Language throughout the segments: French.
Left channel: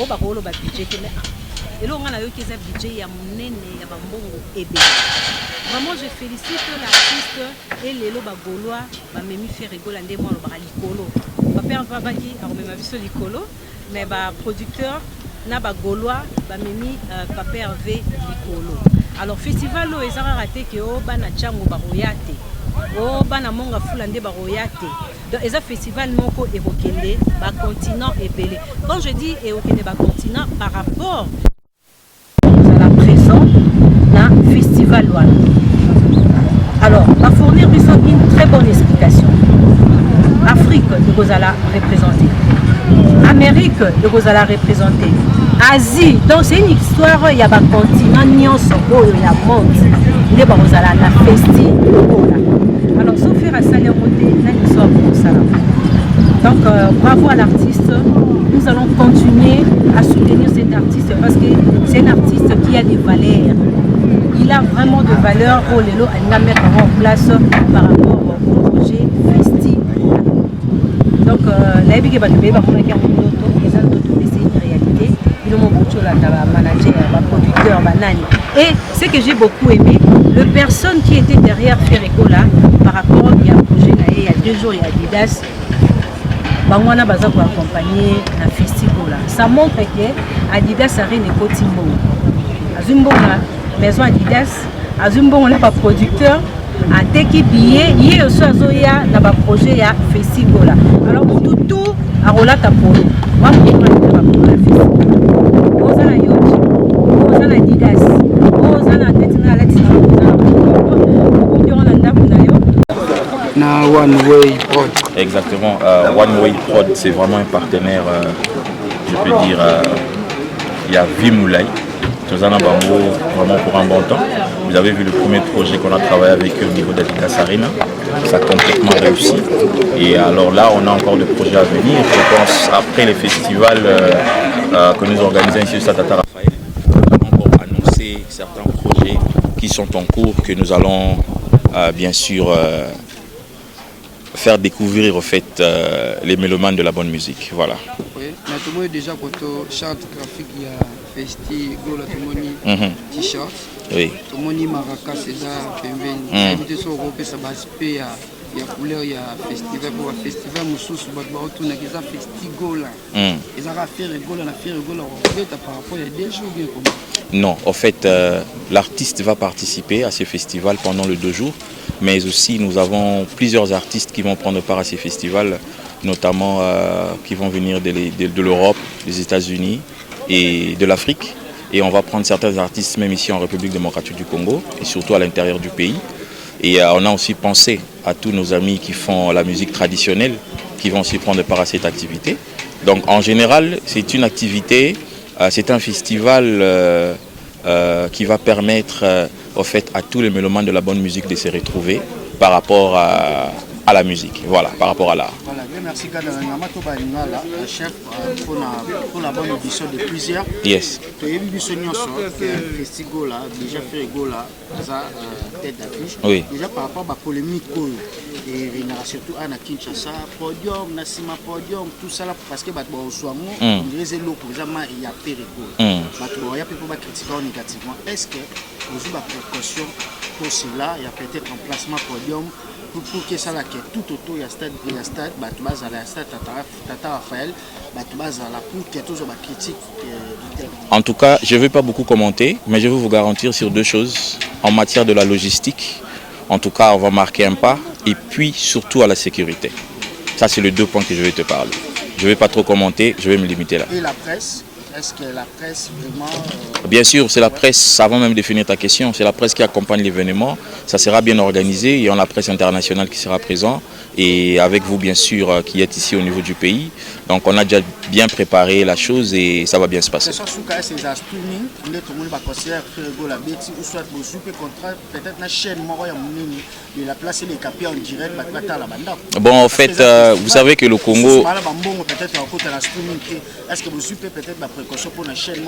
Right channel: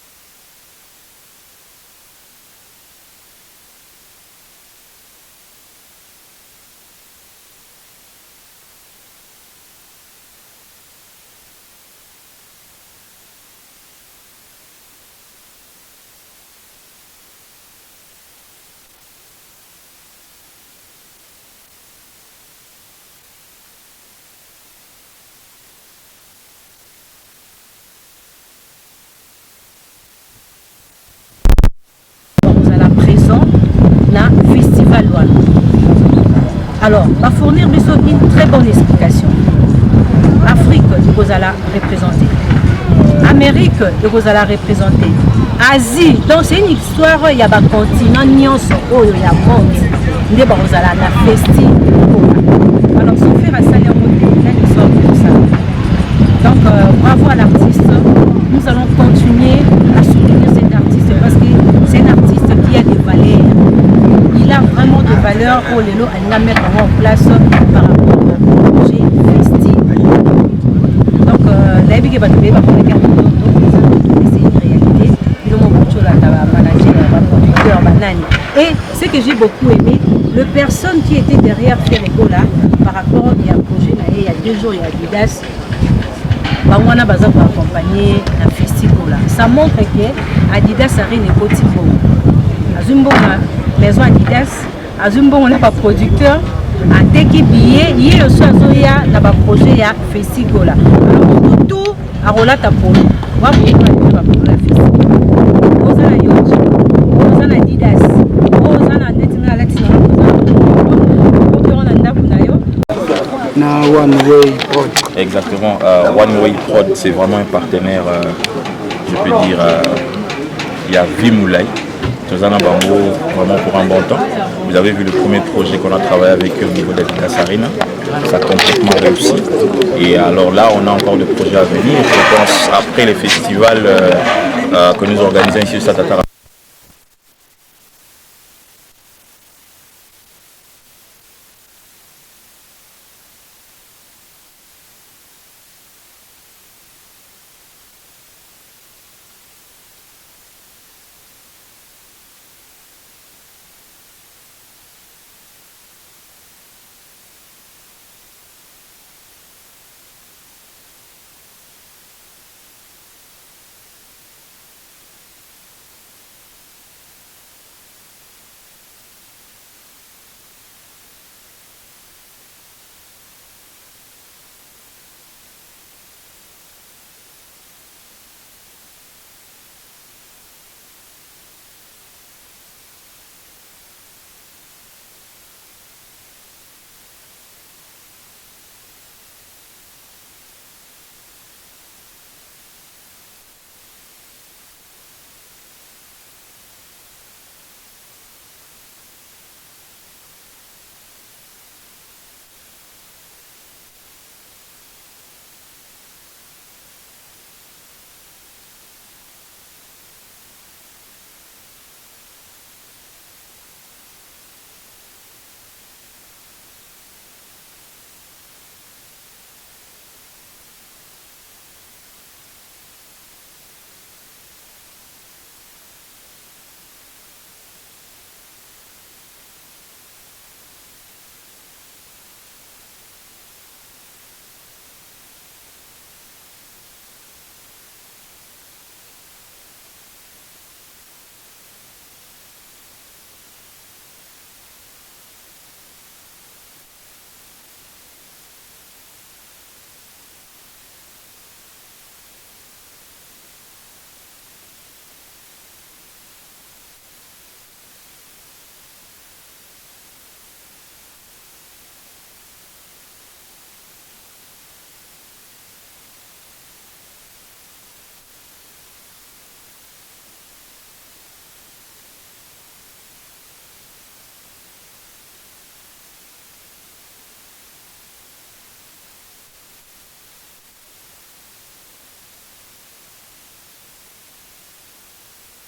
o ba ko lo ba budget mais et là on a eu qui est budget ya munene ya bambongo ebe. Vraiment je félicite l'artiste et les lo ba gaulois ba memi fait rigoler ndé moi lo ba likolo. Ba père va ba ki a remema biso likolo mais ba producteur na ba gaulois ba memi papa Hervé likolo. Alors festival lo ezara raté que o bana chango ba royate. O bana monga fulande ba royate. Donc eza festival moko ekokende ba continent ebele. Quand je dis ekokende ba continent par rapport vous à la présent na festival wana. Alors, va fournir une très bonne explication. Afrique, vous allez représenter. Amérique, vous allez représenter. Asie, donc c'est une histoire, il y a un continent, il y a un monde. Vous allez la festi. Alors, sans faire à saler en côté, nous sommes comme ça. Donc, bravo à l'artiste. Nous allons continuer à soutenir cet artiste parce que c'est un artiste qui a des valeurs. Il a vraiment de valeur pour les lots à mettre en place par rapport au projet Festi. Donc, la vie qui va te payer, c'est une réalité. Il a mon manager, producteur, banani. Et ce que j'ai beaucoup aimé, les personnes qui étaient derrière Ferregola par rapport au projet, il y a 2 jours, il y a Adidas. Bangwana baza pour accompagner un festival. Ça montre que Adidas a rien de Timbo. Azumbo maison Adidas, Azumbo on a pas producteur, a teki billet, yé aussi azoya na ba projet ya festival. Alors on tout a relata pour nous. Wa pour nous la pour la festival. Oza na yacht, oza na Adidas, oza na netina latina na One Way Prod. Exactement, One Way Prod c'est vraiment un partenaire, je peux dire, il y a Vimoulay. Tozana Bango, vraiment pour un bon temps. Vous avez vu le premier projet qu'on a travaillé avec eux au niveau d'Adidas Arena. Ça a complètement réussi. Et alors là, on a encore des projets à venir. Je pense après les festivals que nous organisons ici au Stade Tata Raphaël, on va encore annoncer certains projets qui sont en cours, que nous allons bien sûr faire découvrir au fait les mélomanes de la bonne musique. Voilà. Oui, mais tout le monde déjà quand on chante graphique, il y a Festi, Gola, tout le monde t-shirt. Oui. Tout le monde maracas, César, Pembeni. Tout ça, on peut s'abaser, il y a couleur, il y a festival, pour un festival, Moussous, Badouarou, tout le monde, il y a Festi, Gola. Ils ont fait Gola, on a fait Gola, on fait par rapport à des jours bien comment. Non, en fait, l'artiste va participer à ce festival pendant les 2 jours, mais aussi nous avons plusieurs artistes qui vont prendre part à ces festivals, notamment qui vont venir de l'Europe, des États-Unis et de l'Afrique. Et on va prendre certains artistes même ici en République démocratique du Congo et surtout à l'intérieur du pays. Et on a aussi pensé à tous nos amis qui font la musique traditionnelle, qui vont aussi prendre part à cette activité. Donc en général, c'est une activité, c'est un festival qui va permettre au fait à tous les mélomanes de la bonne musique de se retrouver par rapport à la musique, voilà, par rapport à l'art. Voilà, merci chef pour la bonne édition de plusieurs. Yes. Festival déjà fait Gola, tête d'affiche. Oui. Déjà par rapport à la polémique et surtout à Kinshasa, podium, Nassima podium, tout ça là parce que au soir il y a pérégol. Il y a pour critiquer négativement. Est-ce que vous avez des précautions pour cela? Il y a peut-être un placement podium pour que ça là que tout autour il y a stade Tata Raphaël pour que tous les critiques. En tout cas, je ne vais pas beaucoup commenter, mais je vais vous garantir sur 2 choses en matière de la logistique. En tout cas, on va marquer un pas et puis surtout à la sécurité. Ça, c'est les 2 points que je vais te parler. Je ne vais pas trop commenter, je vais me limiter là. Et la presse? Est-ce que la presse vraiment... Bien sûr, c'est la presse, avant même de finir ta question, c'est la presse qui accompagne l'événement. Ça sera bien organisé, il y a la presse internationale qui sera présente et avec vous bien sûr qui êtes ici au niveau du pays. Donc on a déjà bien préparé la chose et ça va bien se passer. Bon, en fait, vous savez que le Congo... Est-ce que vous suivez peut-être la précaution pour la chaîne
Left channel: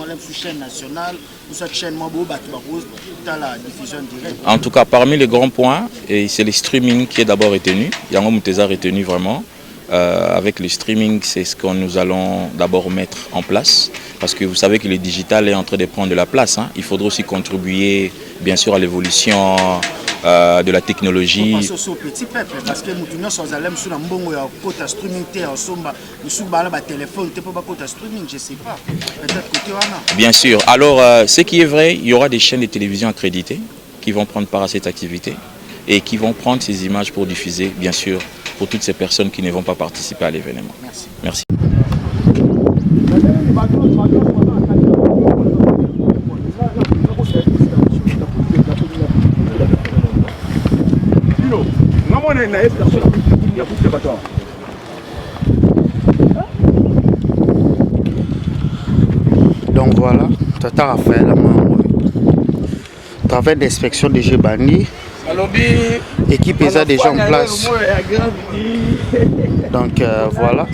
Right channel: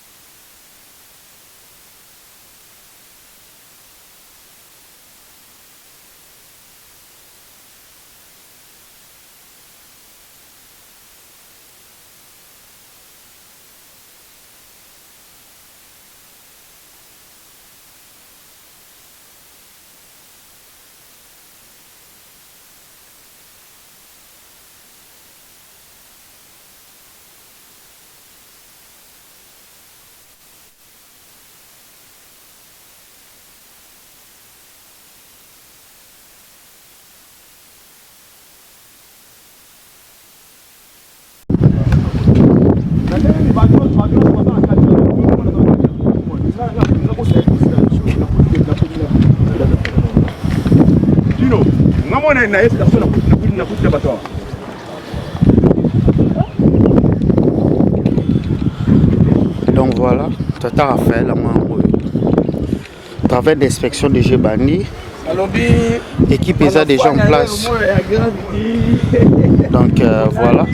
nationale ou cette chaîne dans la diffusion directe? En tout cas, parmi les grands points, c'est le streaming qui est d'abord retenu. Yango Mouteza retenu vraiment. avec le streaming, c'est ce que nous allons d'abord mettre en place, parce que vous savez que le digital est en train de prendre de la place. Hein. Il faudra aussi contribuer, bien sûr, à l'évolution de la technologie. Parce que nous sommes allés sur un streaming, je sais pas. Bien sûr. Alors, ce qui est vrai, il y aura des chaînes de télévision accréditées qui vont prendre part à cette activité et qui vont prendre ces images pour diffuser, bien sûr, pour toutes ces personnes qui ne vont pas participer à l'événement. Merci. Donc voilà, Tata Raphaël, travail d'inspection de Gebani. L'équipe est déjà en place. Donc voilà.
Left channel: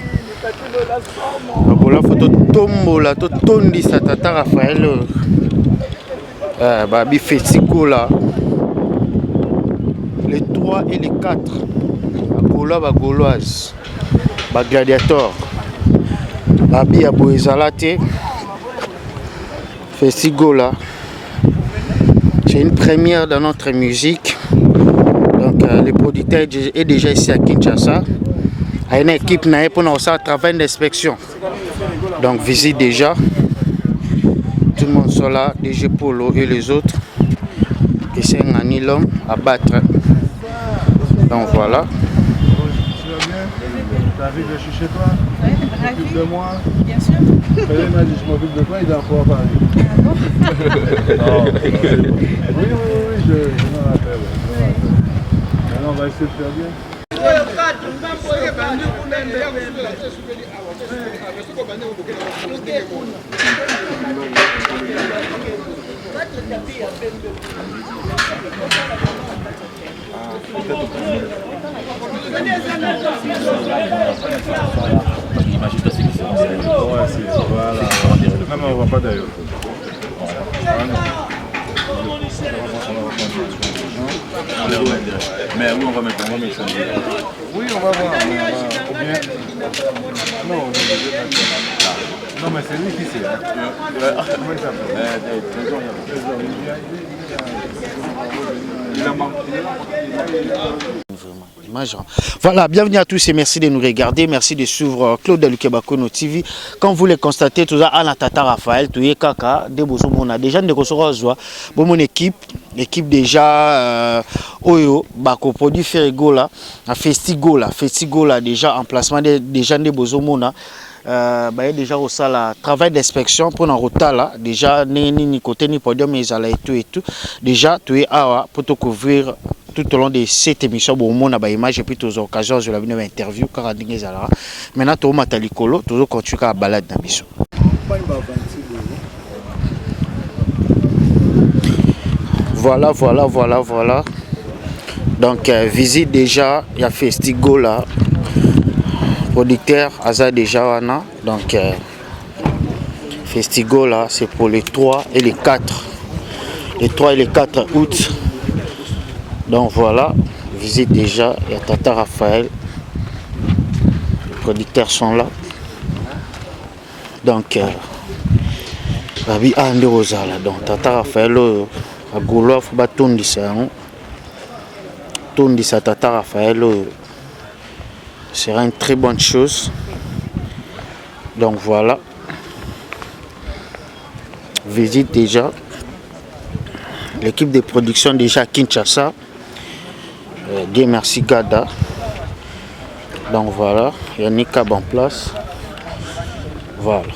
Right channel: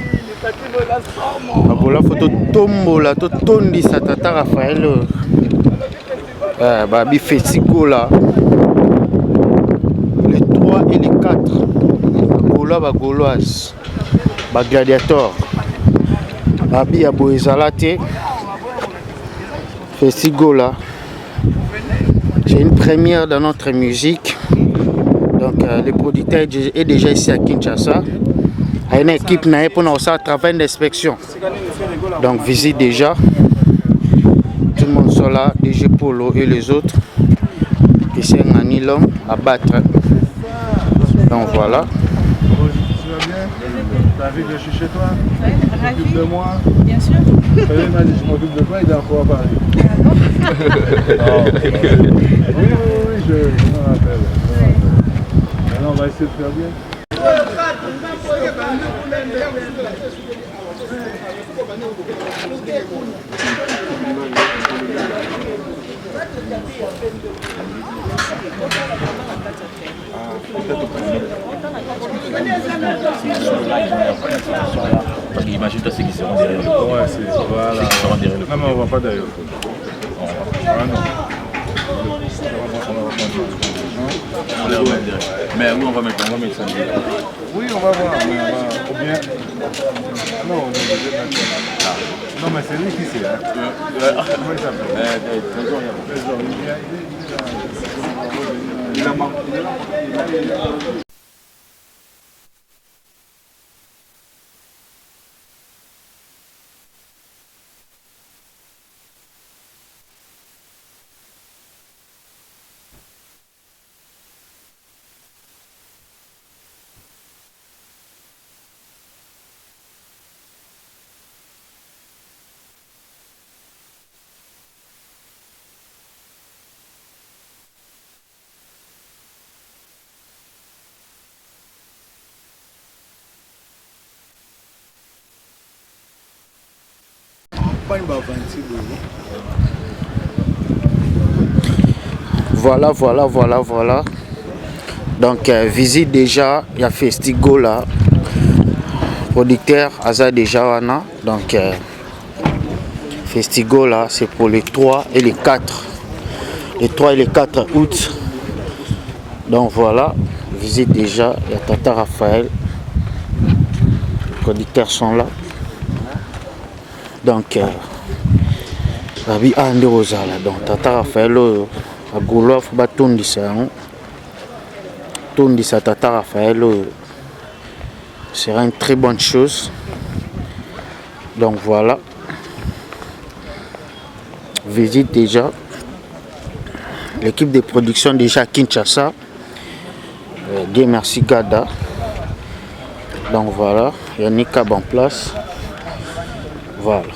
La photo tombola, to tondi sa Tata Raphaël. Babi Festico là. Les 3 et les 4. Bagola, bagoloise. Bagladiator. Babi Aboezalate. Festico là. C'est une première dans notre musique. Donc le producteur est déjà ici à Kinshasa. Il y a une équipe pour nous faire un travail d'inspection. Donc visite déjà. Tout le monde sont là, DG Polo et les autres. Et c'est un nylon à battre. Donc voilà. Tu vas bien? T'as envie que je suis chez toi? Oui, tu t'occupes de moi? Bien sûr. Il m'a dit je m'occupe de toi, il est encore à Paris. Ah bon? Oui, je m'en rappelle. Maintenant, on va essayer de faire bien. Parce que imagine-toi ceux qui seront derrière le Ouais, c'est voilà. Non, mais on ne va pas derrière le Ah non. On les remet derrière. Mais oui, on va mettre ça. Oui, on va voir. Mais on va, ou bien... Non, on est obligé de mettre. Non, mais c'est lui qui sait. Hein. Comment il s'appelle? Trésor. Il a manqué. Voilà, bienvenue à tous et merci de nous regarder. Merci de suivre Claude Lukebakono TV. Comme vous le constatez, tout ça, Anna Tata Raphaël, tout est Kaka, on a déjà mon équipe déjà Oyo, Bako produit Ferrigola, Festigola déjà emplacement des gens de Bozomona. Déjà au sala travail d'inspection pour un retard déjà ni côté ni podium mais et tout déjà tu es pour te couvrir tout au long de cette émission bon on a image et puis aux occasions je l'avais une interview car maintenant tu as likolo tu continues à balade dans biso. Voilà donc visite déjà il y a Festigo là. Producteur Aza déjà wana donc Festigo là c'est pour les 3 et les 4 août donc voilà visite déjà il y a Tata Raphaël les producteurs sont là donc Babi Ande Rosala donc Tata Raphaël à Gaulois faut pas tondisa Tata Raphaël sera une très bonne chose. Donc voilà. Visite déjà. L'équipe de production déjà à Kinshasa. Dieu merci Gada. Donc voilà. Yannick Ab en place. Voilà.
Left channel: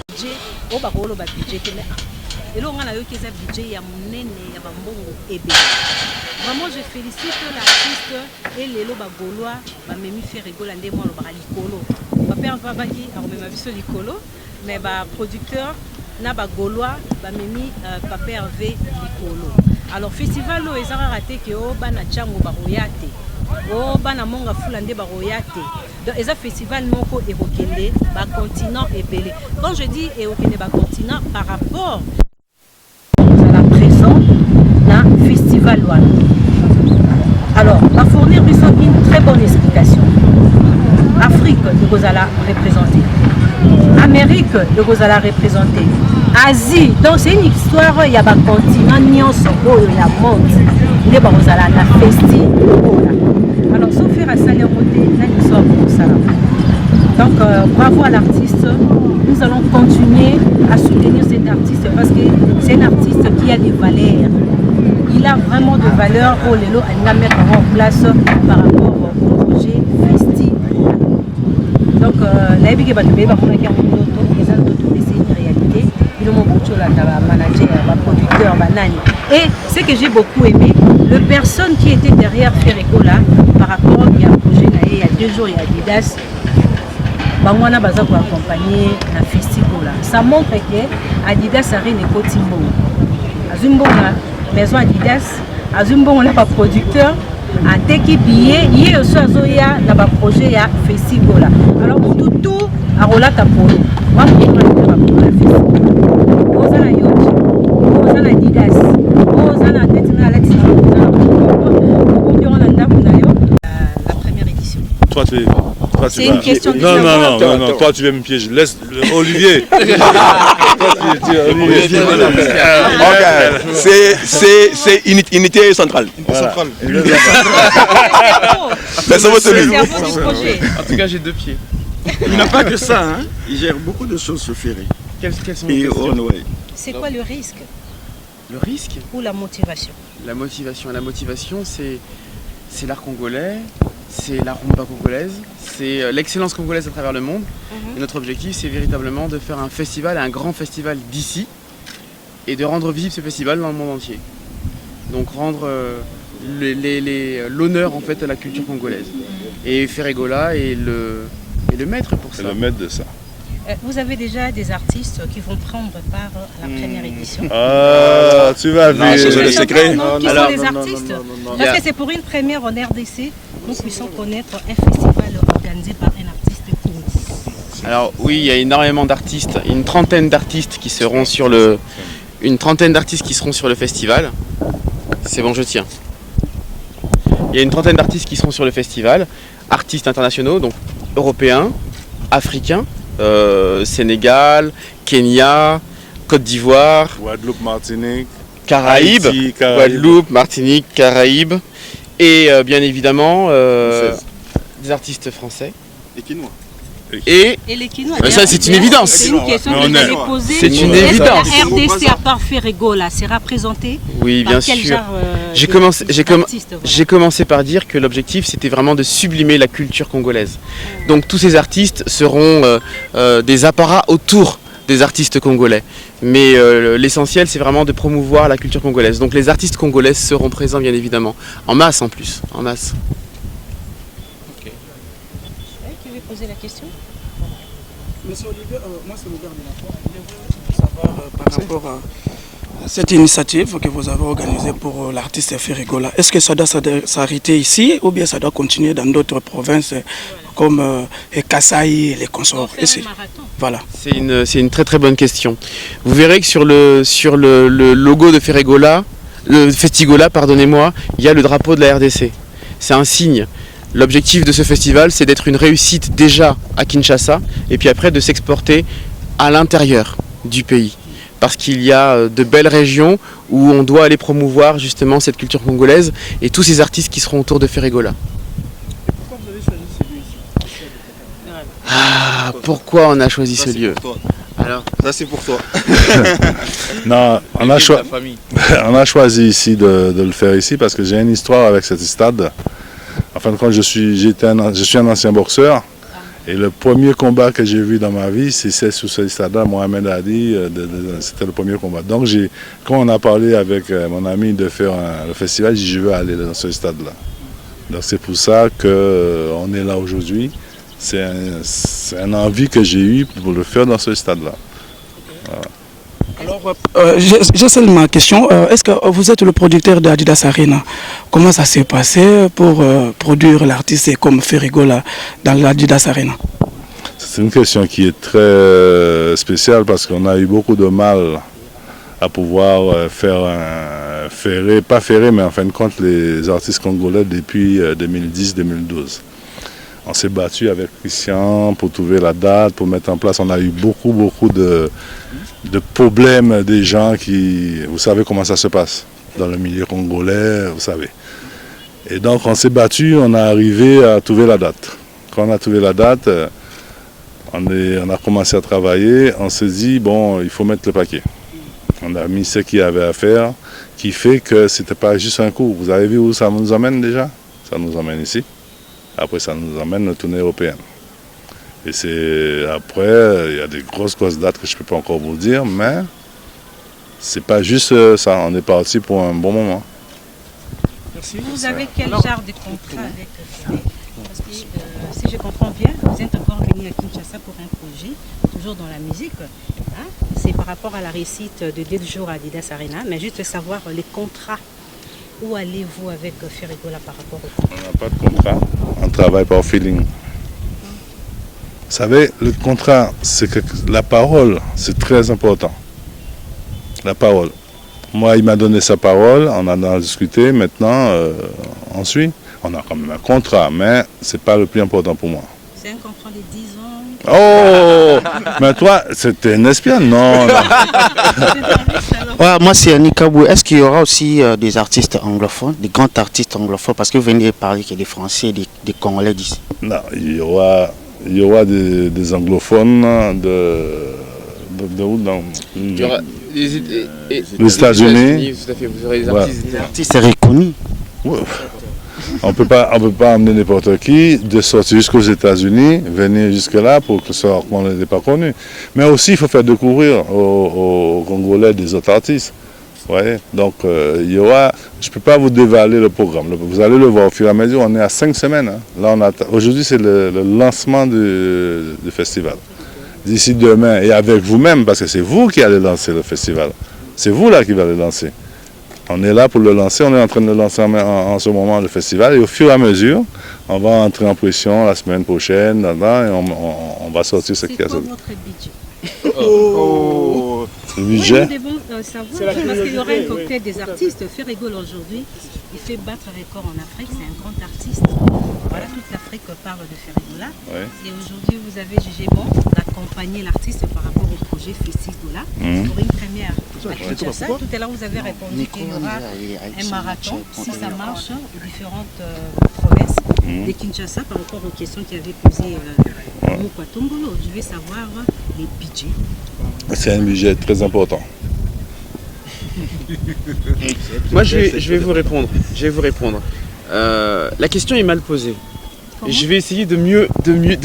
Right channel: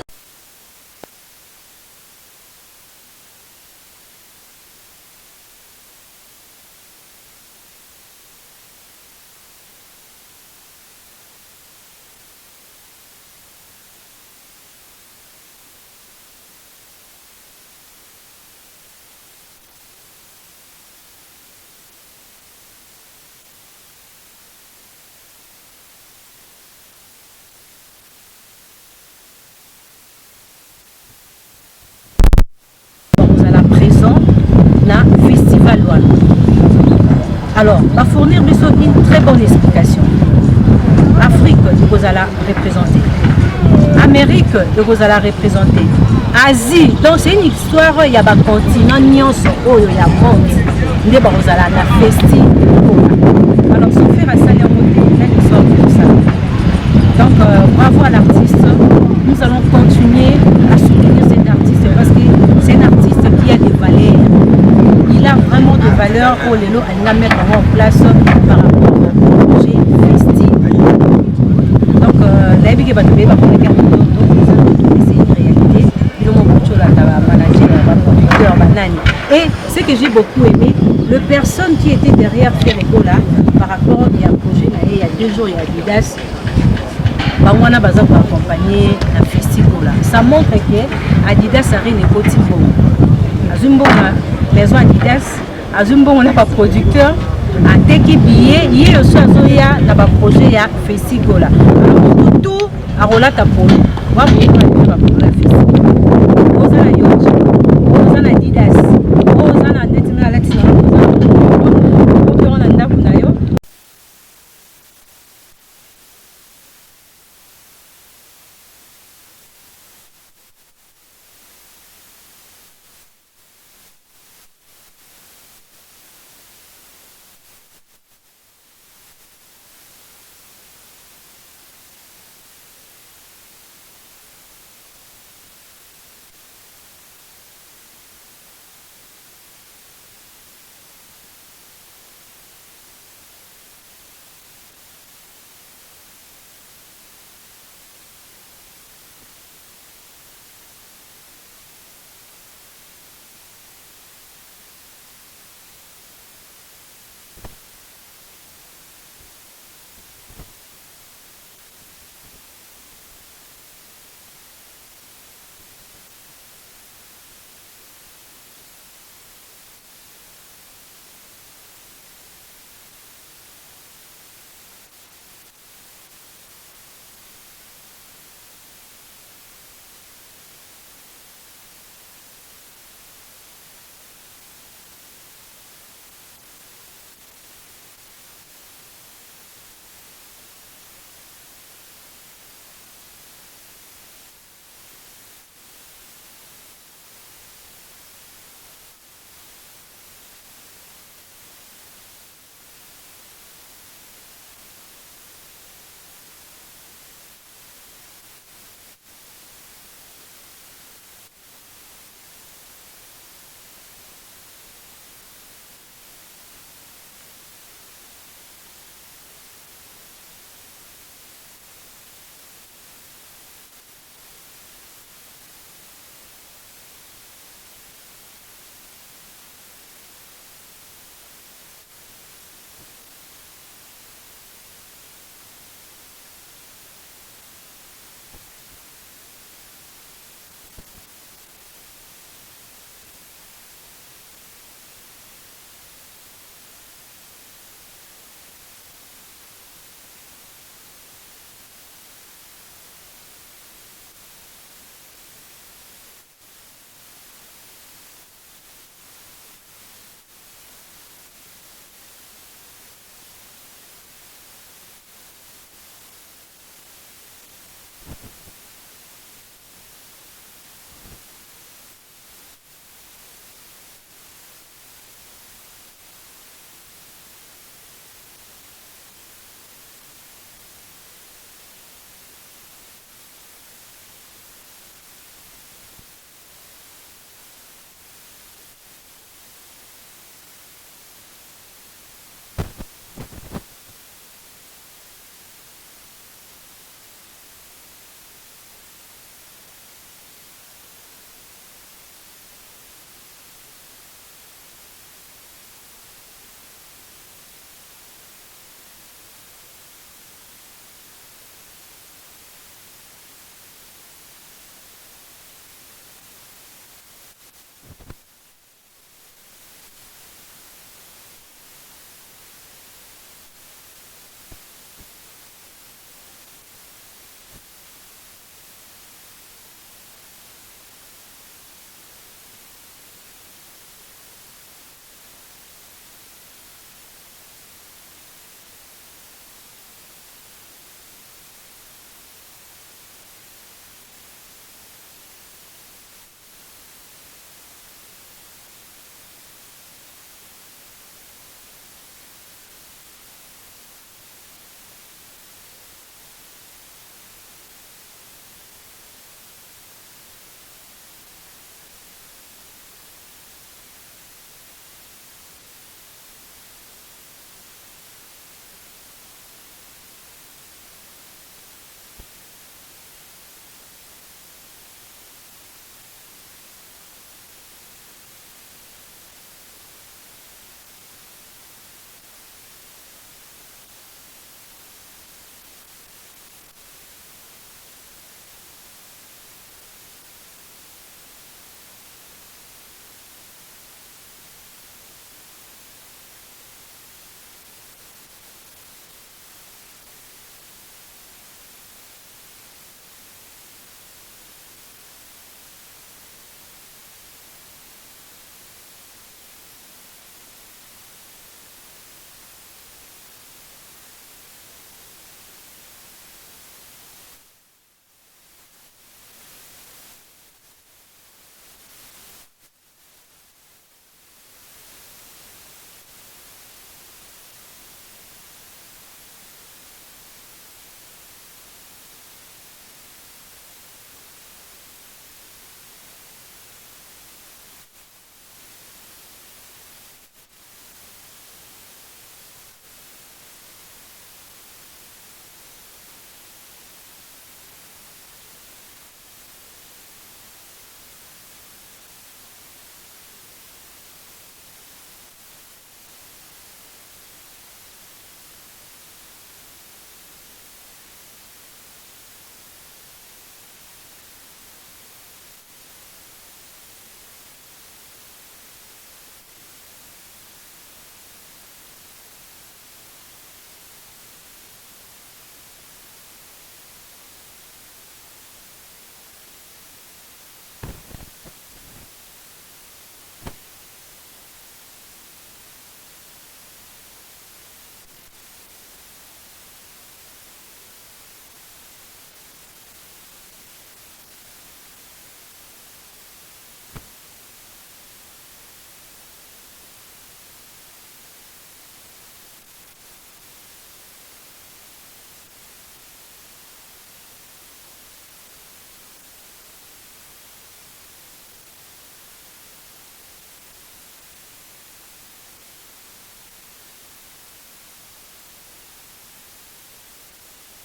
Vraiment, je félicite l'artiste et les Gaulois, Memi Ferrigola, Ndemo, Likolo. Papa Vavaki, ma vie Likolo, mais producteur, Naba Gaulois, Memi Papa Hervé Likolo. Alors, festival, ils ont raté que Bana Chango Baroyate, Bana Monga Fulande Baroyate. Donc, ils ont festival Noko et Rokende, continent et Belé. Quand je dis et Rokende, continent, par rapport à la présent, na festival one. Alors, va fournir une très bonne explication. Afrique, vous allez représenter. Amérique, vous allez représenter. Asie, donc c'est une histoire, il y a un continent, il y a un monde. Vous allez la festi. Alors, sans faire à saler en côté, il y a une histoire pour ça. Donc, bravo à l'artiste. Nous allons continuer à soutenir cet artiste parce que c'est un artiste qui a des valeurs. Il a vraiment des valeurs pour les lots à mettre en place par rapport au projet Festi. Donc, la vie qui va te payer, c'est une réalité. Il y a un manager, un producteur, un nani. Et ce que j'ai beaucoup aimé, les personnes qui étaient derrière Ferregola par rapport à un projet, il y a 2 jours, il y a Adidas. Bangwana baza pour accompagner la festival. Ça montre que Adidas a rien de Timbongo. Azumbo maison Adidas, Azumbo on a pas producteur, a teki billet, il y a aussi azoya na ba projet ya festival. Alors tout a relata pour nous. Wa pour nous la festival. Ozana yoch, ozana Adidas, ozana netina latina ozana. Ko on anda kunayo la première édition. Toi, c'est une question de non, toi tu veux me piéger. Laisse Olivier. C'est unité centrale. Voilà. C'est celui. En tout cas, j'ai 2 pieds. Il n'a pas que ça, hein. Il gère beaucoup de choses sur Ferré. Quelles sont les questions? C'est quoi le risque? Le risque ou la motivation? La motivation, c'est l'art congolais, c'est la rumba congolaise, c'est l'excellence congolaise à travers le monde. Et notre objectif, c'est véritablement de faire un festival, un grand festival d'ici, et de rendre visible ce festival dans le monde entier. Donc rendre l'honneur en fait à la culture congolaise. Et Ferregola est le maître pour ça. C'est le maître de ça. Vous avez déjà des artistes qui vont prendre part à la première édition. Ah, tu vas voir. C'est le secret. Qui sont les artistes? Parce que c'est pour une première en RDC, nous puissions connaître un festival organisé par un artiste congolais. Alors oui, il y a énormément d'artistes, une trentaine d'artistes qui seront sur le festival. C'est bon, je tiens. Il y a une trentaine d'artistes qui seront sur le festival, artistes internationaux, donc européens, africains, Sénégal, Kenya, Côte d'Ivoire, Guadeloupe, Martinique, Caraïbes, Haïti, Guadeloupe, Martinique, Caraïbes, et bien évidemment des artistes français. Et Quinois. Et les Quinois. Ça, c'est une évidence. C'est une question que j'allais poser. C'est une évidence. Est-ce que la RDC, à part Ferregola, sera représentée? Oui, bien sûr. J'ai commencé par dire que l'objectif, c'était vraiment de sublimer la culture congolaise. Donc tous ces artistes seront des apparats autour des artistes congolais. Mais l'essentiel, c'est vraiment de promouvoir la culture congolaise. Donc les artistes congolais seront présents, bien évidemment. En masse, en plus. En masse. Okay. Tu veux poser la question? Monsieur Olivier, moi c'est le dernier fois. Je voulais savoir par rapport à cette initiative que vous avez organisée pour l'artiste Ferregola. Est-ce que ça doit s'arrêter ici ou bien ça doit continuer dans d'autres provinces comme Kasaï et les consorts? Voilà. C'est une très très bonne question. Vous verrez que sur le logo de Ferregola, le Festigola, pardonnez-moi, il y a le drapeau de la RDC. C'est un signe. L'objectif de ce festival, c'est d'être une réussite déjà à Kinshasa et puis après de s'exporter à l'intérieur du pays. Parce qu'il y a de belles régions où on doit aller promouvoir justement cette culture congolaise et tous ces artistes qui seront autour de Ferregola. Pourquoi vous avez choisi ce lieu ici? Ah, pourquoi on a choisi ce lieu? Alors, ça c'est pour toi. Non, on a choisi ici de le faire ici parce que j'ai une histoire avec cet stade. En fin de compte, je suis un ancien boxeur et le premier combat que j'ai vu dans ma vie, c'est sur ce stade-là, Mohamed Ali, c'était le premier combat. Donc quand on a parlé avec mon ami de faire le festival, j'ai dit je veux aller dans ce stade-là. Donc c'est pour ça qu'on est là aujourd'hui. C'est une envie que j'ai eue pour le faire dans ce stade-là. Voilà. Alors, j'ai seulement une question. Est-ce que vous êtes le producteur d'Adidas Arena? Comment ça s'est passé pour produire l'artiste comme Ferregola dans l'Adidas Arena? C'est une question qui est très spéciale parce qu'on a eu beaucoup de mal à pouvoir faire pas ferrer, mais en fin de compte les artistes congolais depuis 2010-2012. On s'est battu avec Christian pour trouver la date, pour mettre en place. On a eu beaucoup de problèmes des gens qui... Vous savez comment ça se passe dans le milieu congolais, vous savez. Et donc on s'est battu, on a arrivé à trouver la date. Quand on a trouvé la date, on a commencé à travailler. On s'est dit, bon, il faut mettre le paquet. On a mis ce qu'il y avait à faire, qui fait que ce n'était pas juste un coup. Vous avez vu où ça nous emmène déjà? Ça nous emmène ici. Après, ça nous emmène à la tournée européenne. Et c'est après, il y a des grosses dates que je ne peux pas encore vous dire, mais c'est pas juste ça. On est parti pour un bon moment. Merci. Vous avez quel genre de contrat avec Ferré? Parce que si je comprends bien, vous êtes encore venu à Kinshasa pour un projet, toujours dans la musique. Hein? C'est par rapport à la réussite de 2 jours à Adidas Arena, mais juste savoir les contrats. Où allez-vous avec Ferregola par rapport au contrat? On n'a pas de contrat, on travaille par feeling. Vous savez, le contrat, c'est que la parole, c'est très important. La parole. Moi, il m'a donné sa parole, on en a discuté, maintenant, on suit. On a quand même un contrat, mais ce n'est pas le plus important pour moi. C'est un contrat de 10 ans. Oh, mais toi, c'était un espion? Non. Ouais, moi, c'est Annie Kabou. Est-ce qu'il y aura aussi des artistes anglophones, des grands artistes anglophones? Parce que vous venez de parler qu'il y a des Français et des Congolais d'ici. Non, il y aura des anglophones de où dans... Il y aura les États-Unis. Tout à fait, vous aurez des artistes reconnus. Ouais. On ne peut pas emmener n'importe qui de sortir jusqu'aux États-Unis, venir jusque-là pour que ça qu'on n'ait pas connu. Mais aussi, il faut faire découvrir aux Congolais des autres artistes. Ouais. Donc, il y aura... Je ne peux pas vous dévaler le programme. Vous allez le voir au fur et à mesure. On est à 5 semaines. Hein. Là, aujourd'hui, c'est le lancement du festival. D'ici demain, et avec vous-même, parce que c'est vous qui allez lancer le festival. C'est vous là qui allez le lancer. On est là pour le lancer, on est en train de le lancer en ce moment le festival et au fur et à mesure, on va entrer en pression la semaine prochaine, et on va sortir ce qu'il y a. C'est quoi votre budget? Le budget? Oui, nous devons savoir, parce qu'il y aura un cocktail des artistes. Ferrigol aujourd'hui, il fait battre un record en Afrique, c'est un grand artiste. Voilà, toute l'Afrique parle de Ferrigola. Ouais. Et aujourd'hui, vous avez jugé bon d'accompagner l'artiste par rapport au projet Festigola pour une première. Kinshasa. Tout à l'heure, vous avez répondu qu'il y aura un marathon, si ça marche, aux différentes provinces de Kinshasa par rapport aux questions qui avaient posé Mouka Tongolo. Je vais savoir les budgets. C'est un budget très important. Moi, je vais vous répondre. La question est mal posée. Je vais essayer de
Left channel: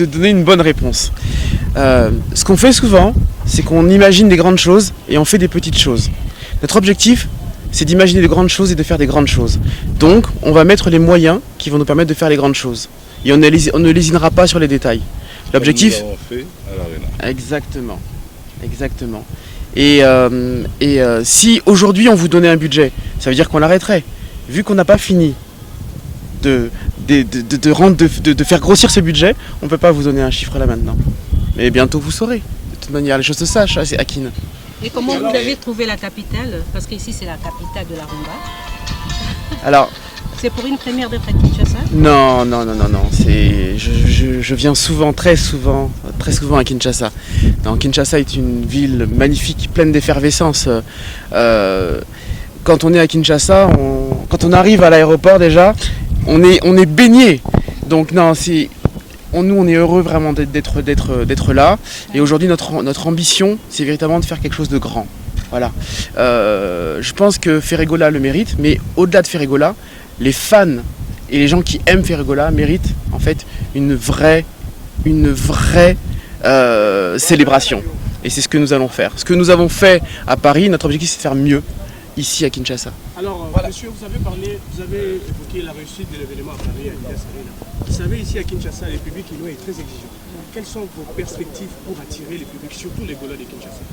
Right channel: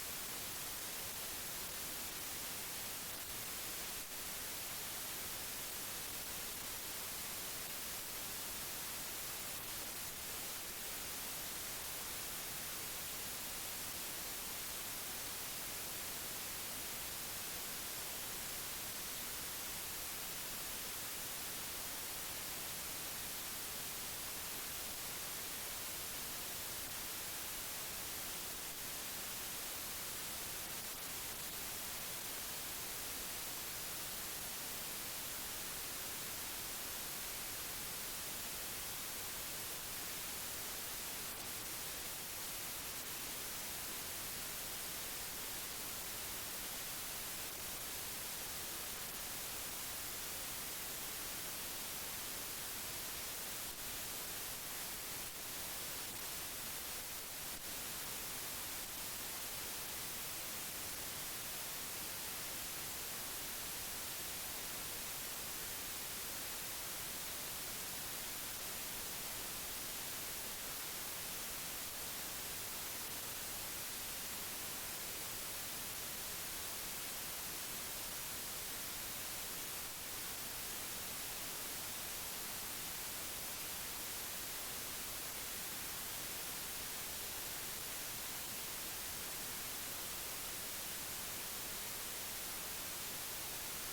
donner une bonne réponse. Ce qu'on fait souvent, c'est qu'on imagine des grandes choses et on fait des petites choses. Notre objectif, c'est d'imaginer de grandes choses et de faire des grandes choses. Donc, on va mettre les moyens qui vont nous permettre de faire les grandes choses. Et on ne lésinera pas sur les détails. L'objectif... Comme nous l'avons fait à l'Arena. Exactement. Et si aujourd'hui on vous donnait un budget, ça veut dire qu'on l'arrêterait. Vu qu'on n'a pas fini de faire grossir ce budget, on ne peut pas vous donner un chiffre là maintenant. Mais bientôt vous saurez. De toute manière, les choses se sachent, c'est Akin. Et comment vous avez trouvé la capitale? Parce qu'ici c'est la capitale de la rumba. Alors, c'est pour une première de Kinshasa? Non. Je viens souvent, très souvent à Kinshasa. Donc, Kinshasa est une ville magnifique, pleine d'effervescence. Quand on est à Kinshasa, quand on arrive à l'aéroport déjà, on est baigné. Donc non, nous on est heureux vraiment d'être là. Et aujourd'hui notre ambition, c'est véritablement de faire quelque chose de grand. Voilà. Je pense que Ferrigola le mérite, mais au-delà de Ferrigola, les fans et les gens qui aiment Ferrigola méritent en fait une vraie célébration. Et c'est ce que nous allons faire. Ce que nous avons fait à Paris, notre objectif c'est de faire mieux ici à Kinshasa. Alors, monsieur, vous avez évoqué la réussite de l'événement à Paris, à Adidas Arena. Vous savez, ici à Kinshasa, le public est très exigeant. Quelles sont vos perspectives pour attirer le public, surtout les Gaulois de Kinshasa,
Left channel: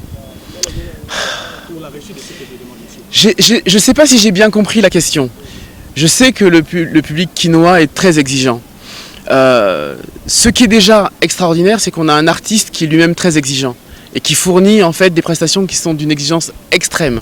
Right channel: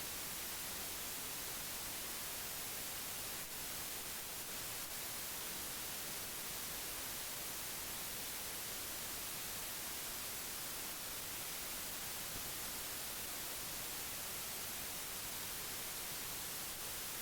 pour la réussite de cet événement, monsieur? Je ne sais pas si j'ai bien compris la question. Je sais que le public quinois est très exigeant. Ce qui est déjà extraordinaire, c'est qu'on a un artiste qui est lui-même très exigeant et qui fournit en fait des prestations qui sont d'une exigence extrême.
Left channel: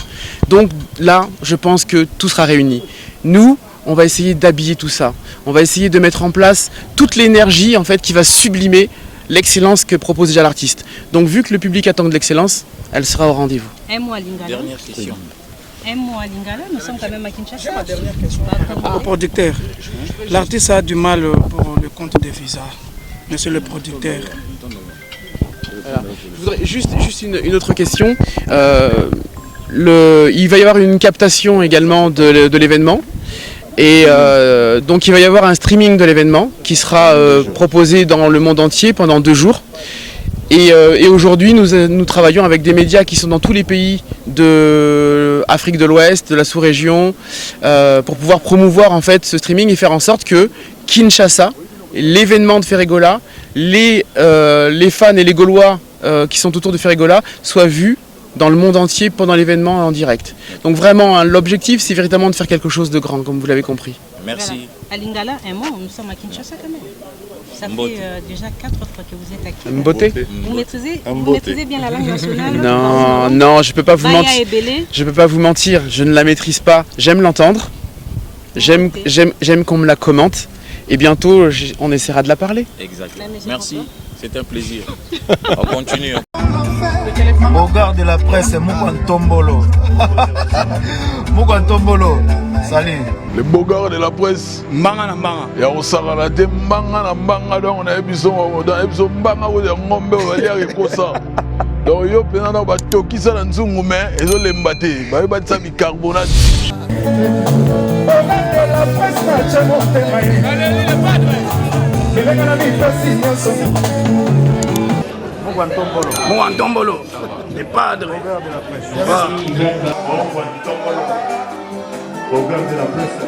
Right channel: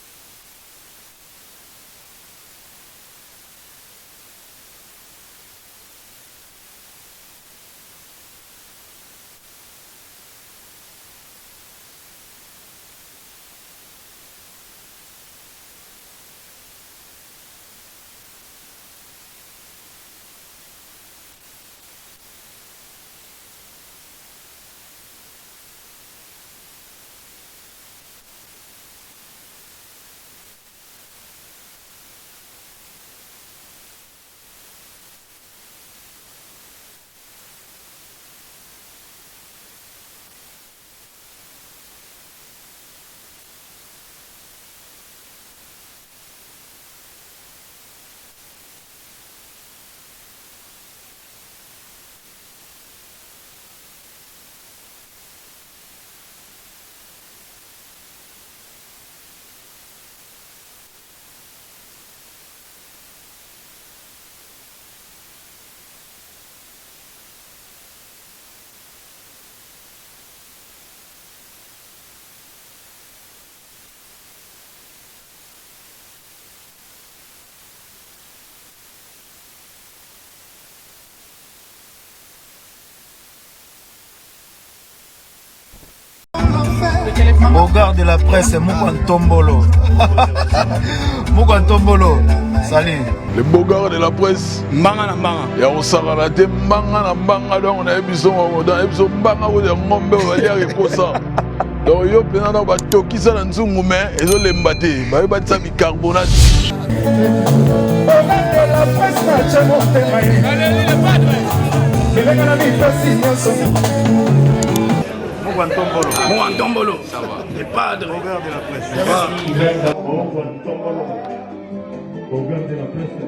Donc là, je pense que tout sera réuni. Nous, on va essayer d'habiller tout ça. On va essayer de mettre en place toute l'énergie en fait qui va sublimer l'excellence que propose déjà l'artiste. Donc vu que le public attend de l'excellence, elle sera au rendez-vous. Un mot à Lingala. Dernière question. Un mot à Lingala, nous sommes quand même à Kinshasa. Ma dernière question. Au producteur, l'artiste a du mal pour le compte des visas. Monsieur le producteur. Voilà. Je voudrais juste une autre question. Il va y avoir une captation également de l'événement. Et donc il va y avoir un streaming de l'événement qui sera proposé dans le monde entier pendant 2 jours. Et aujourd'hui nous travaillons avec des médias qui sont dans tous les pays d'Afrique de l'Ouest, de la sous-région, pour pouvoir promouvoir en fait ce streaming et faire en sorte que Kinshasa, l'événement de Ferregola, les fans et les Gaulois qui sont autour de Ferregola soient vus dans le monde entier pendant l'événement en direct. Donc vraiment, hein, l'objectif, c'est véritablement de faire quelque chose de grand, comme vous l'avez compris. Merci. Voilà. À Lingala, un mot, nous sommes à Kinshasa quand même. Ça fait déjà 4 fois que vous êtes à Kinshasa. Mboté. Vous maîtrisez bien la langue nationale? Non, je peux pas vous mentir. Je peux pas vous mentir, je ne la maîtrise pas. J'aime l'entendre, j'aime qu'on me la commente, et bientôt on essaiera de la parler. Exact. Merci, c'est un plaisir. On continue. Bogard de la presse, Moukantombolo. Moukantombolo, salut. Le Bogard de la presse. Mbanga na mbanga. Ya osaka na te mbanga na mbanga donc on a biso mbanga ko de ngombe olia reposa. Donc yo pena na ba tokisa na nzungu mais ezo lemba te. Ba ba tsa bicarbonate. La presse na chamo te mai. Allez le padre. Que venga la vie facile. Mouantombolo. Les padres. Bogard de la presse. Bogard de la presse.